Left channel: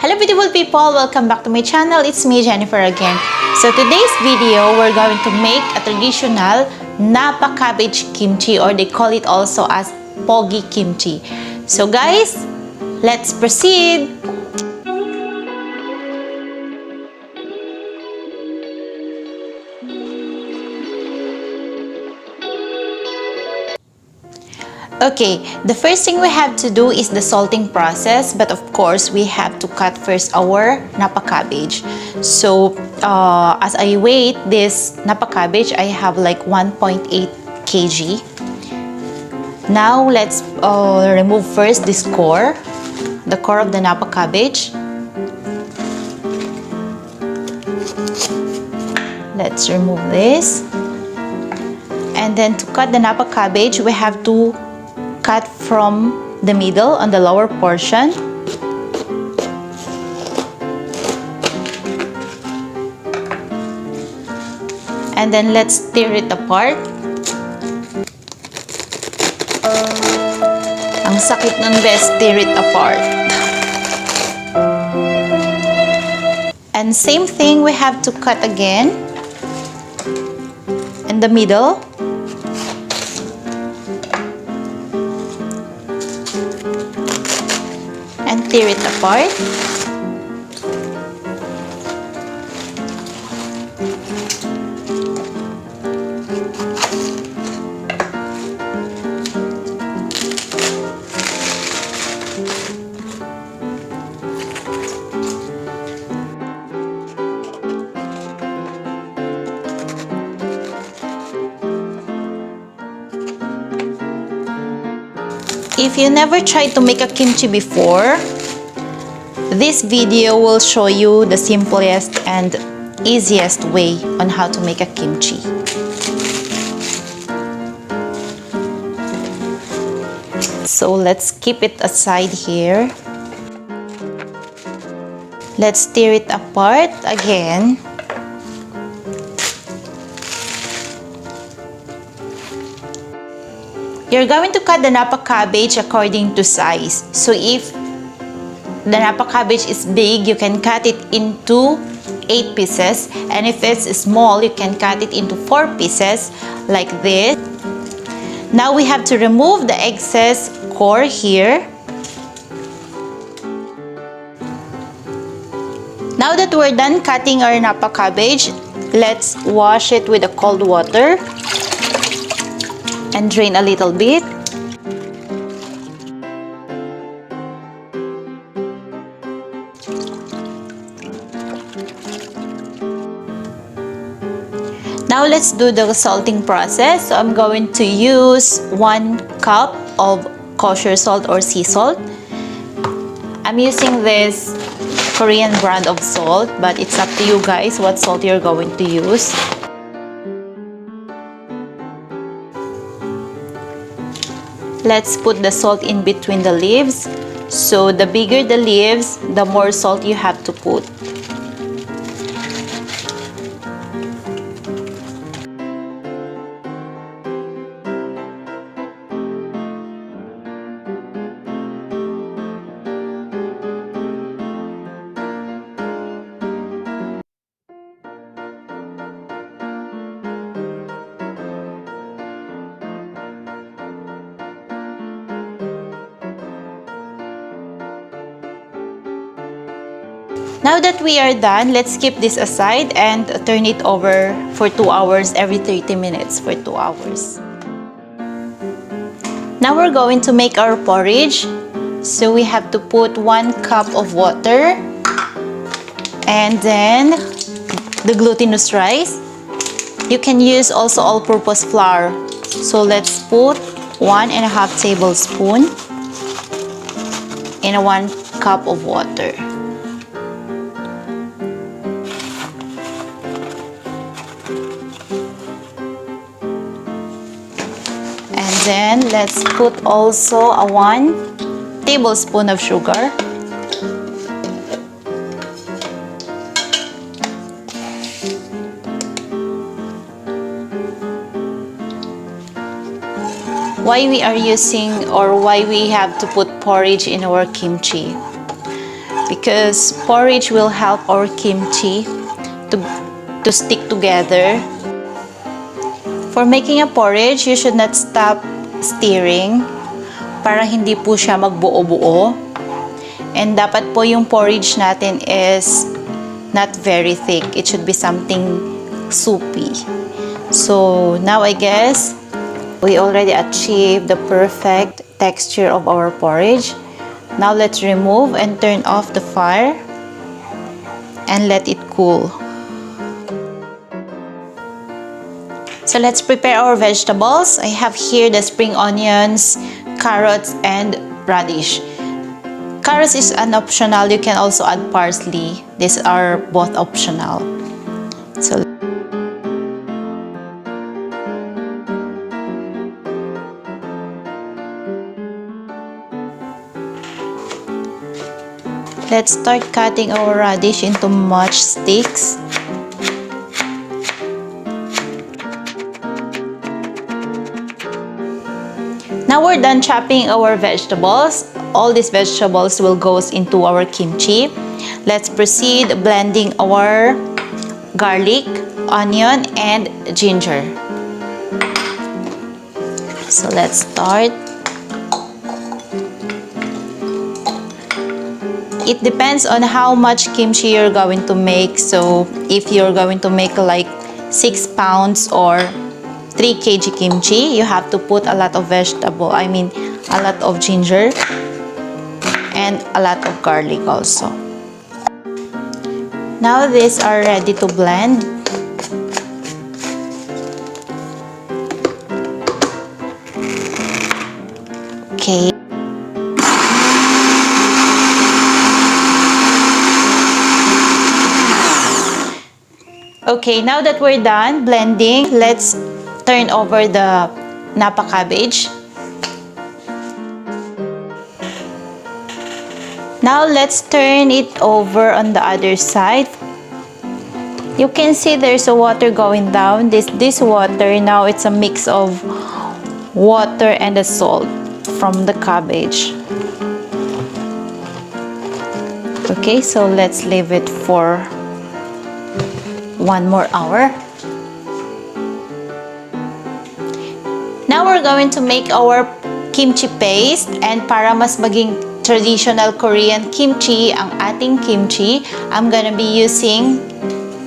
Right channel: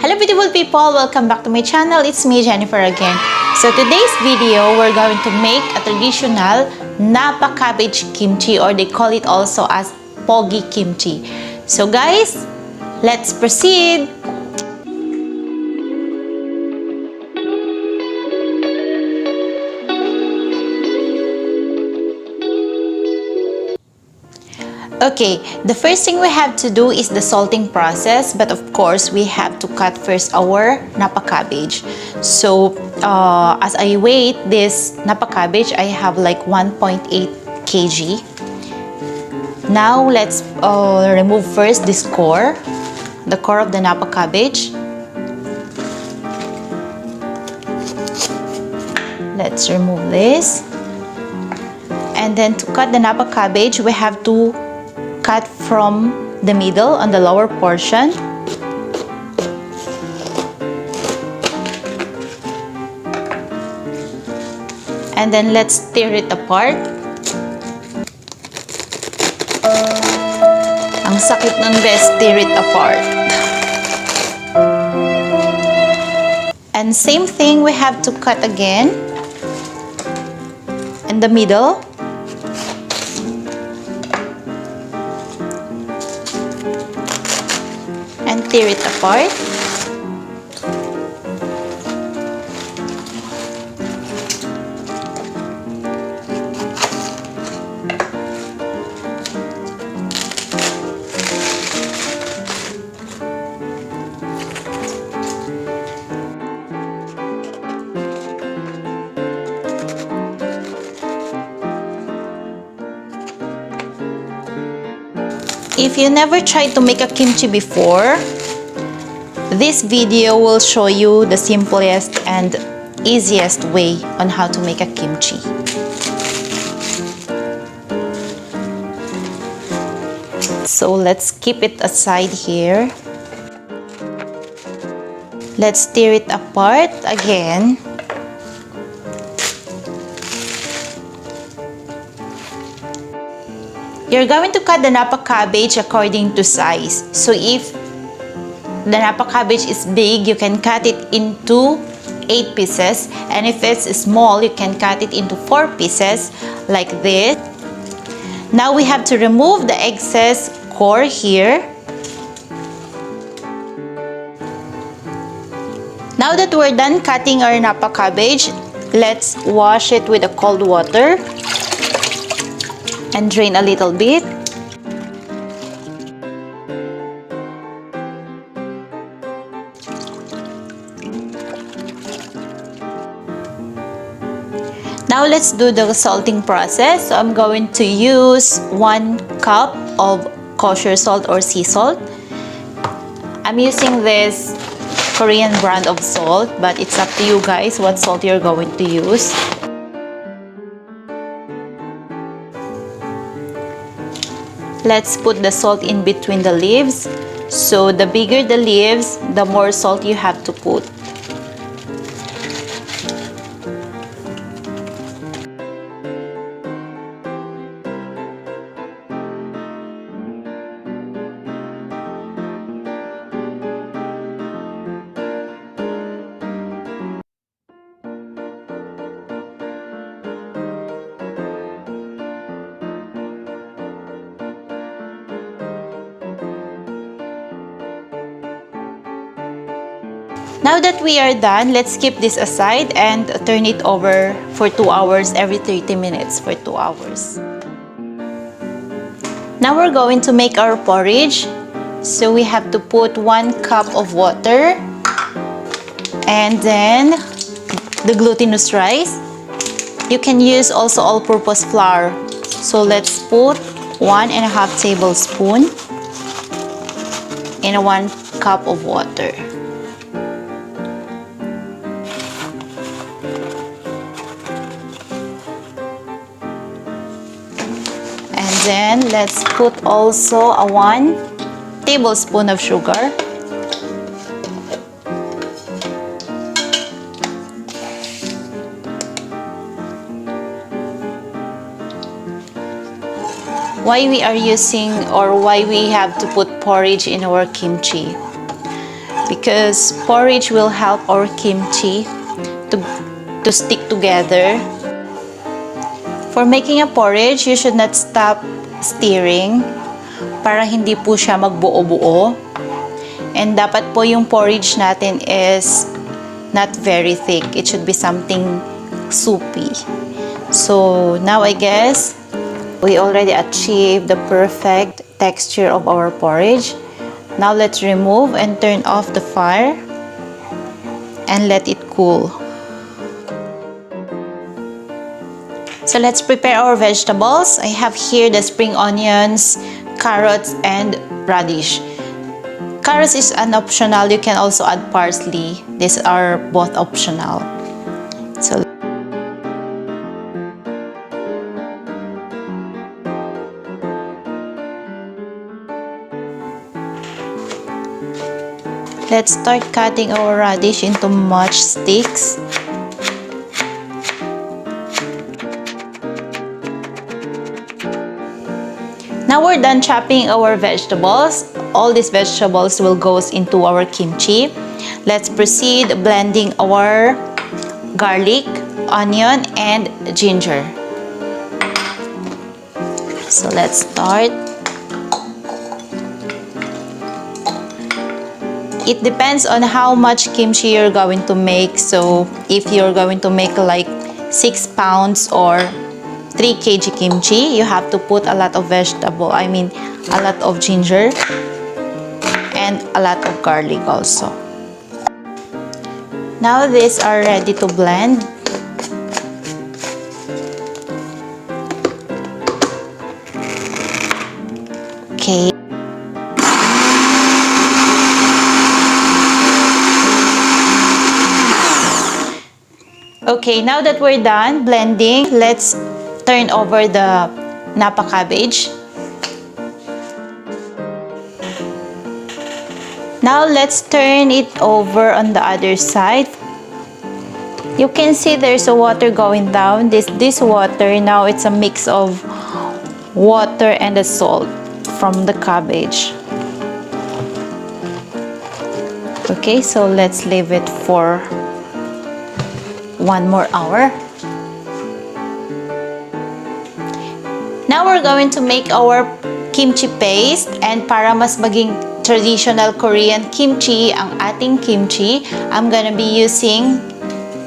Hello beautiful people, welcome back to my channel. It's me, Jennifer, again. So today's video, we're going to make a traditional Napa cabbage kimchi, or they call it also as pogi kimchi. So guys, let's proceed. Okay, the first thing we have to do is the salting process, but of course we have to cut first our Napa cabbage. So as I weigh this Napa cabbage, I have like 1.8 kg. Now let's remove first this core, the core of the Napa cabbage. Let's remove this. And then to cut the Napa cabbage, we have to cut from the middle on the lower portion. And then let's tear it apart. Ang sakit nun, best, tear it apart. And same thing, we have to cut again in the middle. And tear it apart. If you never tried to make a kimchi before, this video will show you the simplest and easiest way on how to make a kimchi. So let's keep it aside here. Let's tear it apart again. You're going to cut the Napa cabbage according to size. So if the Napa cabbage is big, you can cut it into 8 pieces. And if it's small, you can cut it into 4 pieces like this. Now we have to remove the excess core here. Now that we're done cutting our Napa cabbage, let's wash it with the cold water and drain a little bit. Now let's do the salting process. So I'm going to use 1 cup of kosher salt or sea salt. I'm using this Korean brand of salt, but it's up to you guys what salt you're going to use. Let's put the salt in between the leaves. So the bigger the leaves, the more salt you have to put. Now that we are done, let's keep this aside and turn it over for 2 hours, every 30 minutes for 2 hours. Now we're going to make our porridge. So we have to put 1 cup of water and then the glutinous rice. You can use also all-purpose flour. So let's put 1.5 tablespoons in 1 cup of water. And then let's put also a 1 tablespoon of sugar. Why we are using, or why we have to put porridge in our kimchi? because porridge will help our kimchi to stick together. For making a porridge, you should not stop stirring para hindi po siya magbuo-buo. And dapat po yung porridge natin is not very thick. It should be something soupy. So now I guess we already achieved the perfect texture of our porridge. Now let's remove and turn off the fire and let it cool. So let's prepare our vegetables. I have here the spring onions, carrots, and radish. Carrots is an optional. You can also add parsley. These are both optional. So let's start cutting our radish into matchsticks. Now we're done chopping our vegetables. All these vegetables will go into our kimchi. Let's proceed blending our garlic, onion, and ginger. So let's start. It depends on how much kimchi you're going to make. So if you're going to make like 6 pounds or 3 kg kimchi, you have to put a lot of vegetable. I mean, a lot of ginger and a lot of garlic also. Now these are ready to blend. Okay. Okay, now that we're done blending, let's turn over the Napa cabbage. Now let's turn it over on the other side. You can see there's a water going down. This water, now it's a mix of water and the salt from the cabbage. Okay, so let's leave it for 1 more hour. Now we're going to make our kimchi paste, and para mas maging traditional Korean kimchi ang ating kimchi, I'm gonna be using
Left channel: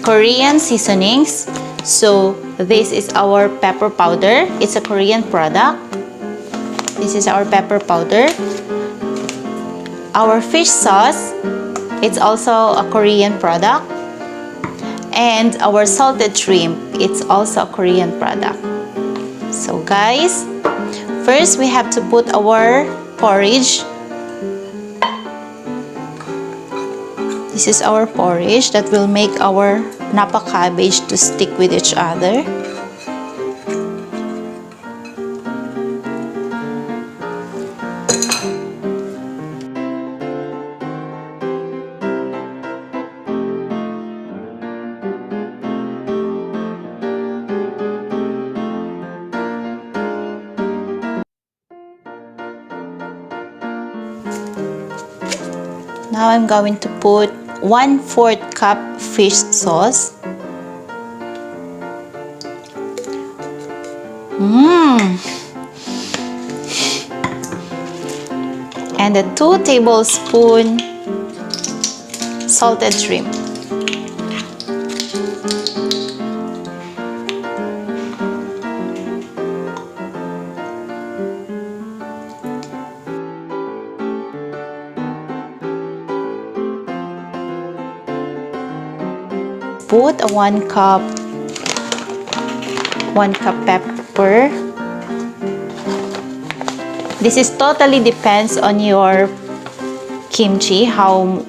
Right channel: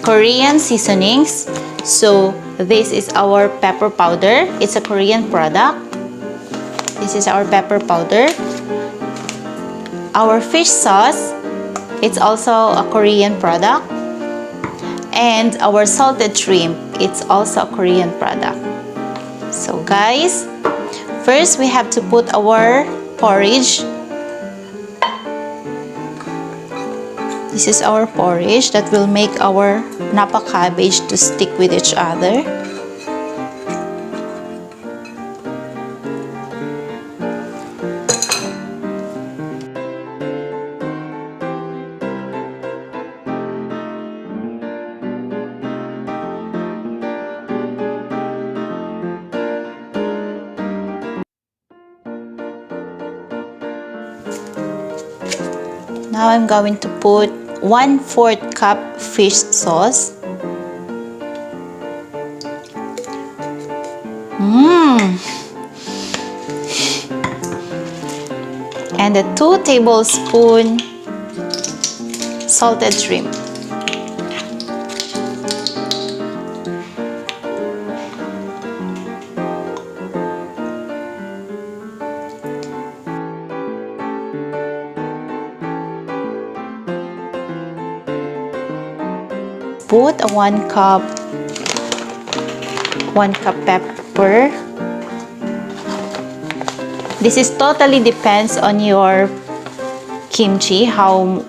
Korean seasonings. So this is our pepper powder. It's a Korean product. This is our pepper powder. Our fish sauce, it's also a Korean product. And our salted shrimp, it's also a Korean product. So guys, first we have to put our porridge. This is our porridge that will make our Napa cabbage to stick with each other. Now I'm going to put 1/4 cup fish sauce. And a 2 tablespoons salted shrimp. Put a 1 cup pepper. This is totally depends on your kimchi, how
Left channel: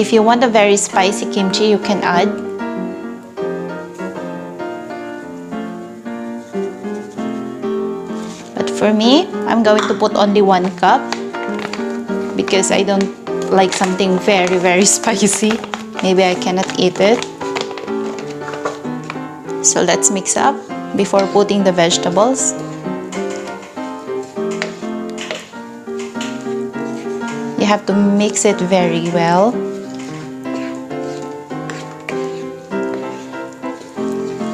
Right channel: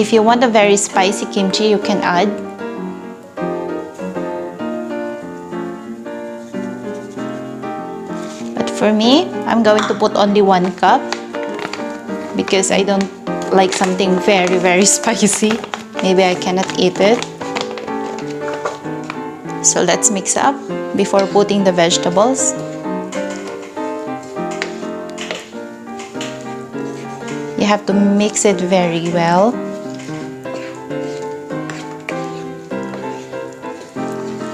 if you want a very spicy kimchi, you can add. But for me, I'm going to put only 1 cup because I don't like something very, very spicy. Maybe I cannot eat it. So let's mix up before putting the vegetables. You have to mix it very well.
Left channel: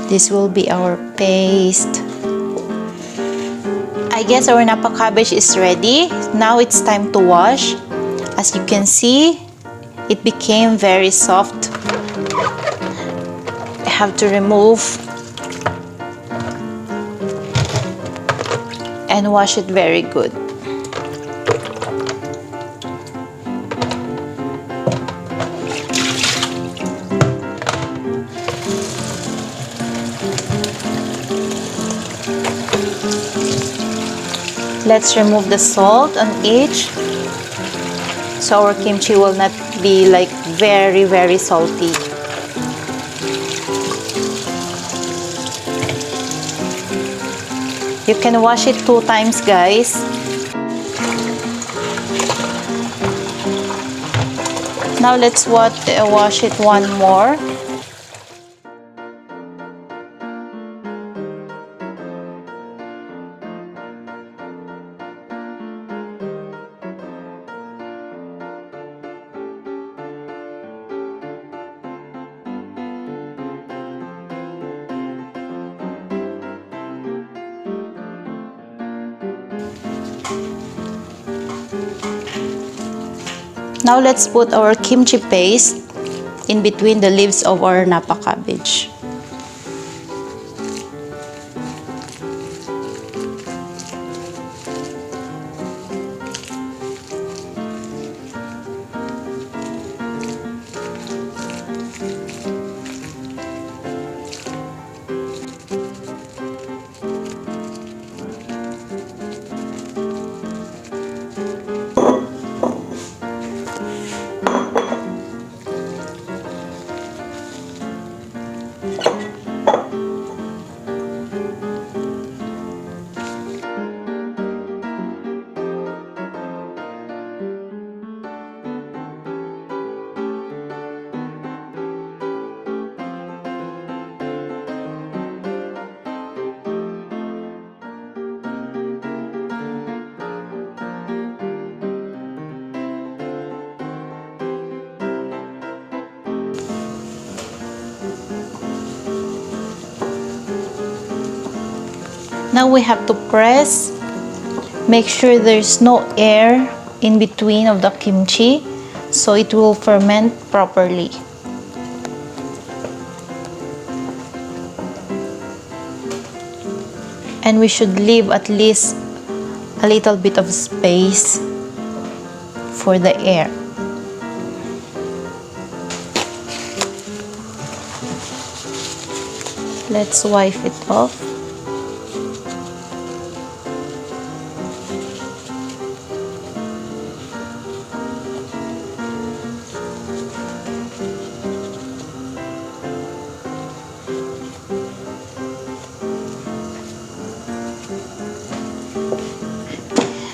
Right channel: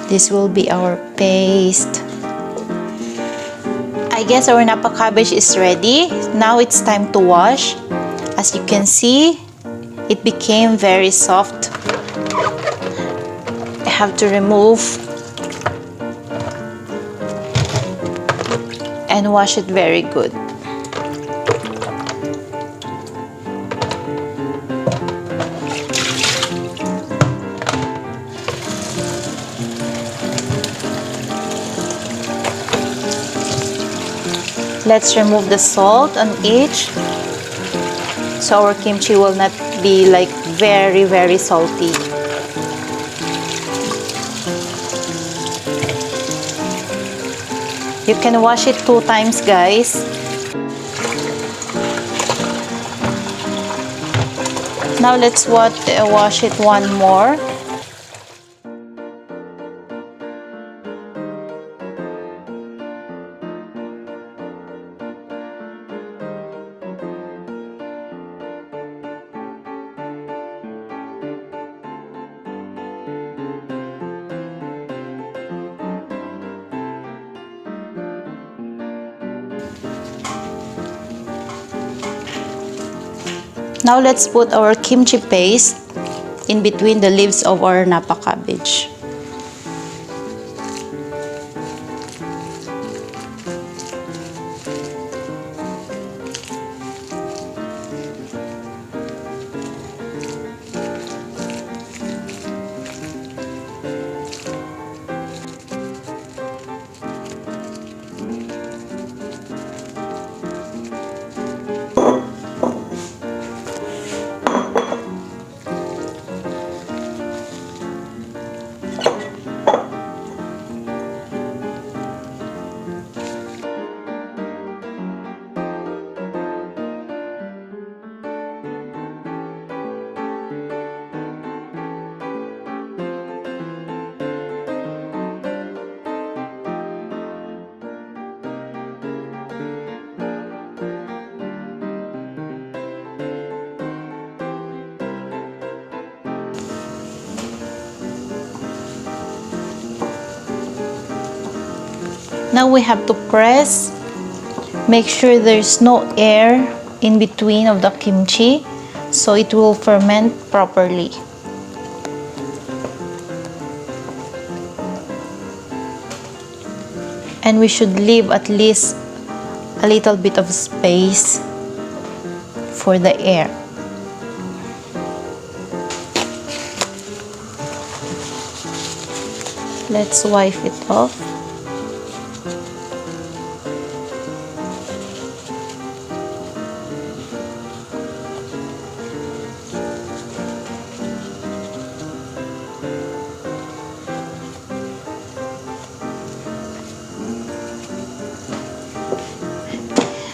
This will be our paste. I guess our Napa cabbage is ready. Now it's time to wash. As you can see, it became very soft. I have to remove and wash it very good. Let's remove the salt on each, so our kimchi will not be like very salty. You can wash it 2 times, guys. Now let's wash it one more. Now let's put our kimchi paste in between the leaves of our Napa cabbage. Now we have to press. Make sure there's no air in between of the kimchi, so it will ferment properly. And we should leave at least a little bit of space for the air. Let's wipe it off.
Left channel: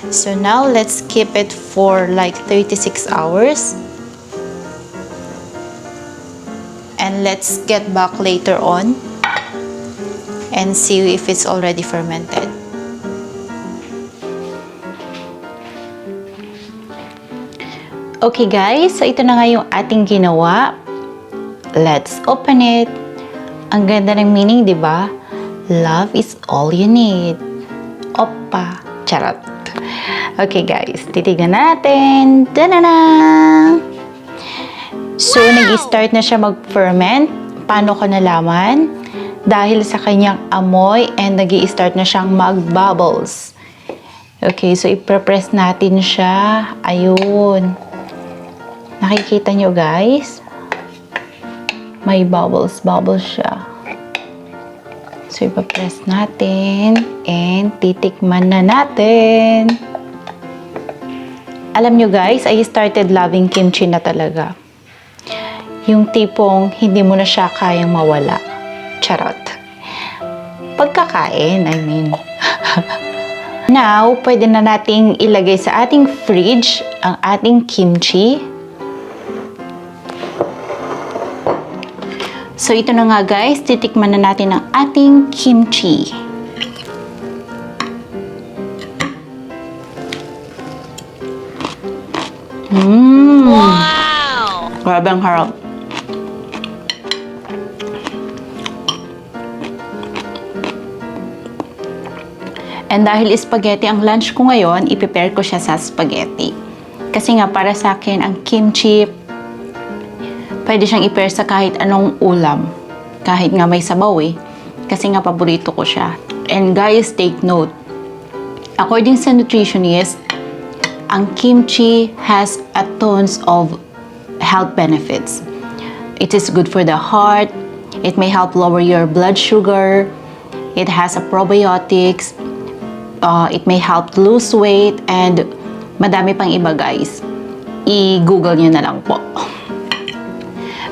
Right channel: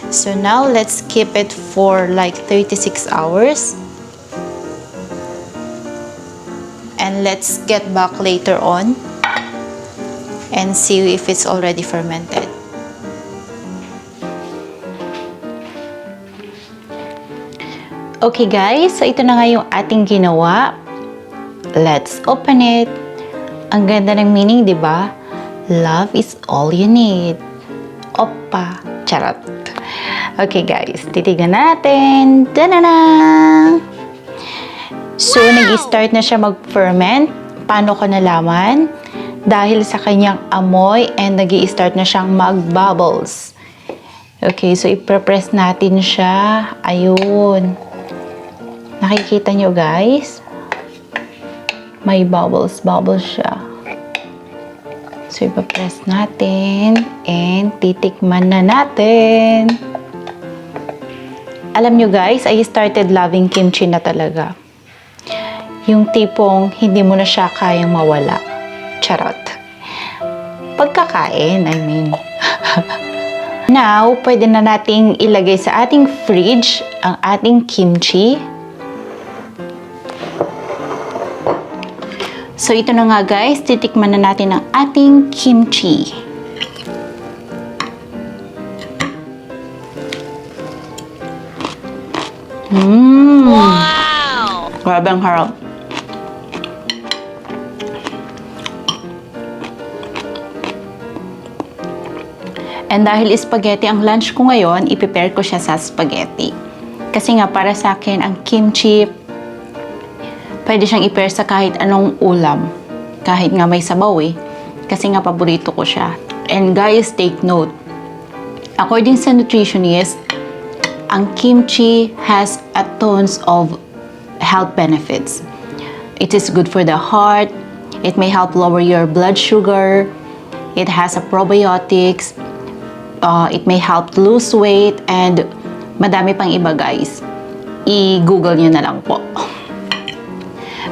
So now let's keep it for like 36 hours. And let's get back later on and see if it's already fermented. Okay guys, so ito na nga yung ating ginawa. Let's open it. Ang ganda ng meaning, di ba? Love is all you need. Oppa. Charot. Okay guys, titignan natin. Ta-da-da! So, nag-start na siya mag-ferment. Paano ko nalaman? Dahil sa kanyang amoy and nag-i-start na siyang mag-bubbles. Okay, so i-press natin siya. Ayun. Nakikita nyo guys? May bubbles siya. So, ipapress natin and titikman na natin. Alam nyo guys, I started loving kimchi na talaga. Yung tipong hindi mo na siya kayang mawala. Charot. Pagkakain, I mean. Now, pwede na nating ilagay sa ating fridge ang ating kimchi. So, ito na nga guys, titikman na natin ang ating kimchi. Wow! Grabe ang harap. And dahil spaghetti ang lunch ko ngayon, i-prepare ko siya sa spaghetti. Kasi nga para sa akin, ang kimchi, pwede siyang i-pair sa kahit anong ulam. Kahit nga may sabaw eh. Kasi nga paborito ko siya. And guys, take note. According sa nutritionist, ang kimchi has a tons of health benefits. It is good for the heart. It may help lower your blood sugar. It has a probiotics. It may help lose weight. And madami pang iba guys. I-google nyo na lang po.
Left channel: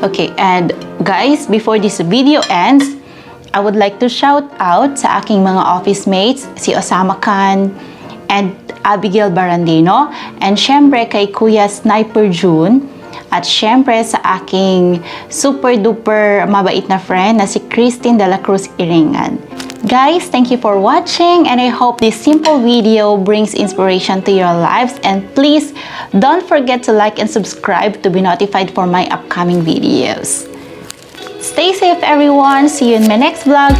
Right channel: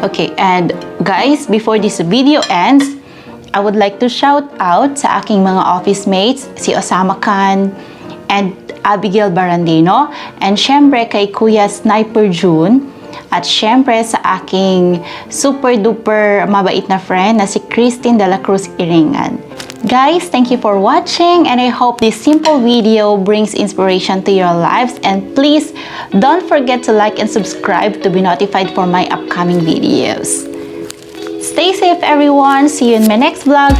Okay, and guys, before this video ends, I would like to shout out sa aking mga office mates, si Osama Khan and Abigail Barandino, and syempre kay Kuya Sniper June, at syempre sa aking super duper mabait na friend na si Christine de la Cruz Iringan. Guys, thank you for watching, and I hope this simple video brings inspiration to your lives, and please don't forget to like and subscribe to be notified for my upcoming videos. Stay safe everyone, see you in my next vlog.